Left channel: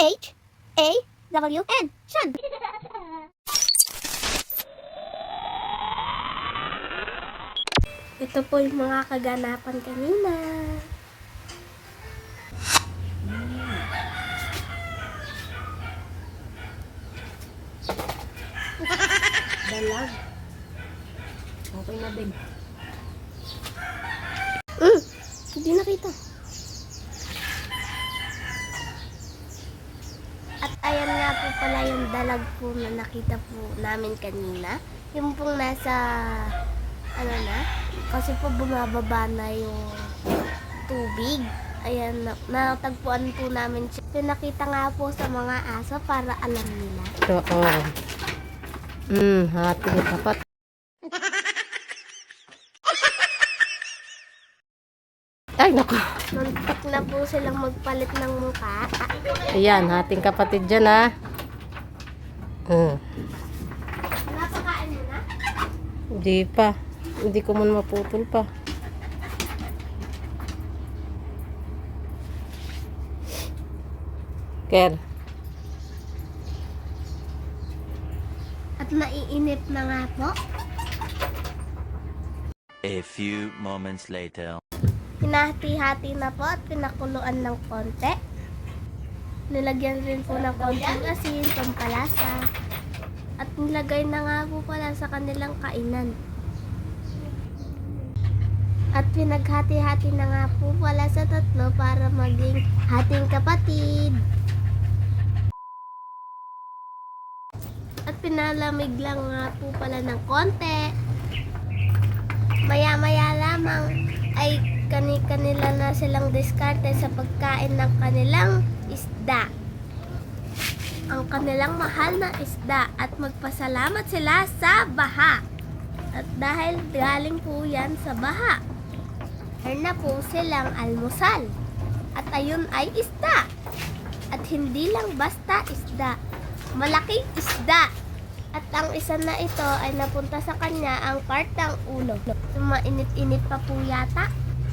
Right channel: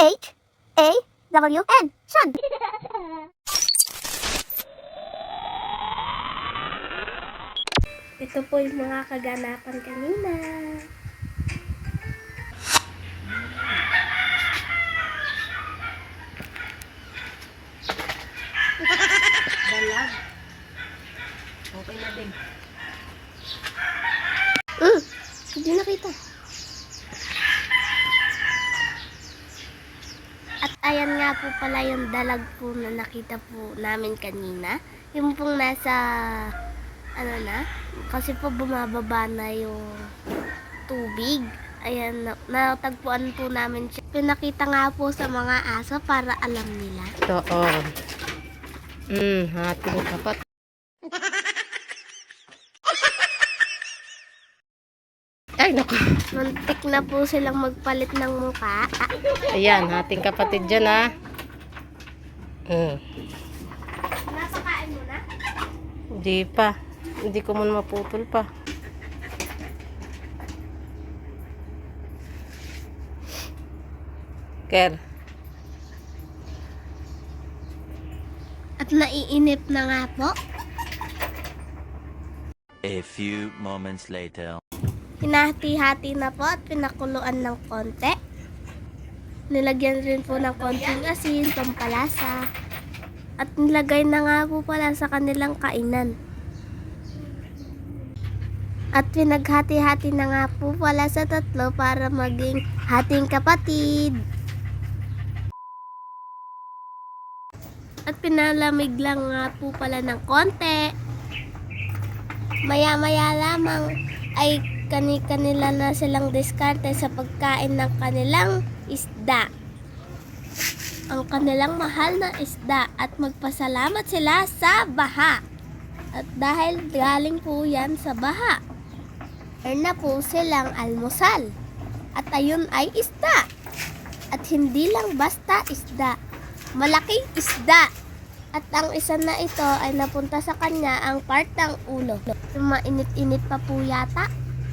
S-H-A-W-N. Shan. Ito po yung mga kaganapan kanina. Dalag. Okay na din. Hindi nakita. At ayan nga po pala yung dalag po na nakita po namin kanina. Yung pong nasa, ano na, kasi po bumababa na yung tubig. Ayan, natagpuan po namin siya. Pinakita nga po sa mga aso para alam nila. Oo. Hating kapat. Ay, naku. Muntik na po silang magpalit ng mukha. Ayan, hating kapatid dyan, ha. Napakain mo na? Hindi pa. Hindi ko muna maputol pa. Ker. At naiinip na nga po. A few moments later. Hinahati-hati na po at pinakuluan ng konti. Nilagyan rin po ng konting asin, pampalasa. At nilagay na nga po pala sa kanilang kainan. At pinaghati-hati na nga po pala sa tatlo para maging hating kapatid. At pinalamig lang nga po pala ng konti. Maya-maya lamang ay kanila na silang diskarte sa pagkain ng kanilang isda. Ang kanilang mahal na isda at magpasalamat sila sa baha. At dahil galing po yan sa baha, meron na po silang almusal. At ayun ay isda. At hindi lang basta isda, malaking isda. At ang isa na ito ay napunta sa kanya ang part ng ulo. Mainit-init pa po yata.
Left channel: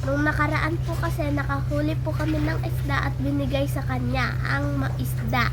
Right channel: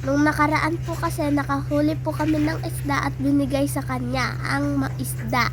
Nung nakaraan po kasi nakahuli po kami ng isda at binigay sa kanya ang isda.